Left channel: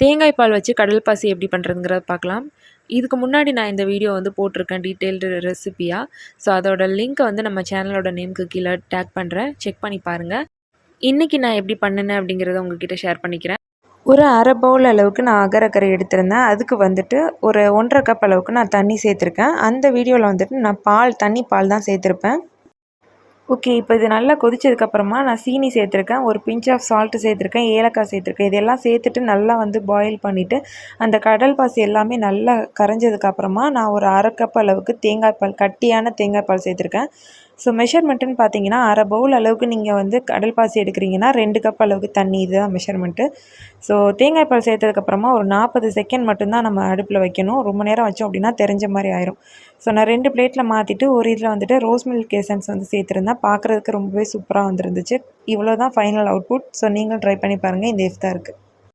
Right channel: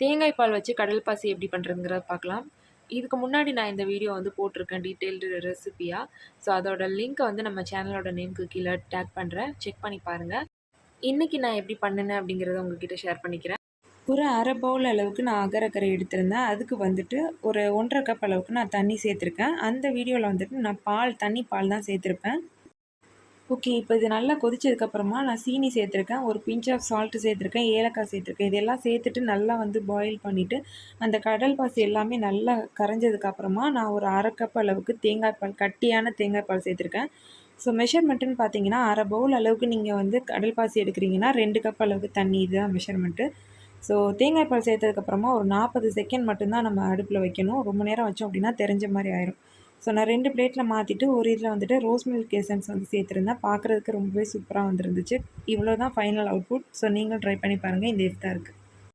தேங்காய் பால் வச்சு கடல் பாசி எப்படி பண்ணுறதுங்கிறத பார்க்கலாம். இதுக்கு முன்னாடி நான் இந்த வீடியோ வந்து போட்டிருக்கேன் டீட்டெயில்டு ரெசிபியாக. ஸோ அதோட லிங்க்கை வந்து நம்ம சேனலோட நேமுக்கு கீழே டேக் பண்ணுறேன். செக் பண்ணி பாருங்கள். இன்றைக்கி நான் எப்படி பண்ணினேன் அப்படிங்கிறத உங்ககிட்ட ஷேர் பண்ணிக்கிறேன். ஒரு அரை பவுல் அளவுக்கு நான் அகரக்கரை எடுத்திருந்தேன். அதுக்கு வந்துட்டு ஒரு 1.5 கப் அளவுக்கு நான் தண்ணி சேர்த்துருக்கேன். அந்த வீடியோவில் வந்துட்டு நான் தண்ணி பால் தான் சேர்த்துருப்பேன். ஓகே, இப்போ இது நல்லா கொதிச்சதுக்கப்புறமா நான் சீனி சேர்த்துருக்கேன், ஒரு பிஞ்ச் ஆஃப் சால்ட்டு சேர்த்துருக்கேன், ஏலக்காய் சேர்த்துருக்கேன். இதெல்லாம் சேர்த்துட்டு நல்லா வந்து பாயில் பண்ணிவிட்டு அந்த கடல் பாசி எல்லாமே நல்லா கரைஞ்சதுக்கப்புறமா நான் ஒரு அரை கப் அளவுக்கு தேங்காய் பால், கட்டியான தேங்காய் பால் சேர்த்துருக்கேன். ஸோ மெஷர்மெண்ட்டுன்னு பார்த்தீங்கன்னா அரை பவுல் அளவுக்கு நீங்கள் வந்து கடல் பாசி எடுக்கிறீங்கன்னா 2 கப் அளவுக்கு தண்ணி, இதுதான் மெஷர்மெண்ட்டு. ஸோ தேங்காய் பால் சேர்த்ததுக்கப்புறமா ஒரு 40 செகண்ட் மட்டும்தான் நம்ம அடுப்பில் வைக்கணும். ரொம்ப நேரம் வச்சோம் அப்படின்னா தெரிஞ்ச மாதிரி ஆயிரும். ஸோ நான் 2 பிளேட்டில் மாற்றிட்டு ஒரு இதில் வந்துட்டு ரோஸ் மில்க் எசன்ஸ் வந்து சேர்த்துருந்தேன். பார்க்குறதுக்கு ரொம்பவே சூப்பராக வந்துருந்துச்சு. இவ்வளோ தான் ஃபைனல் அவுட்புட். ஸோ நீங்களும் ட்ரை பண்ணி பாருங்கள். இந்த இஃப்தாருக்கு.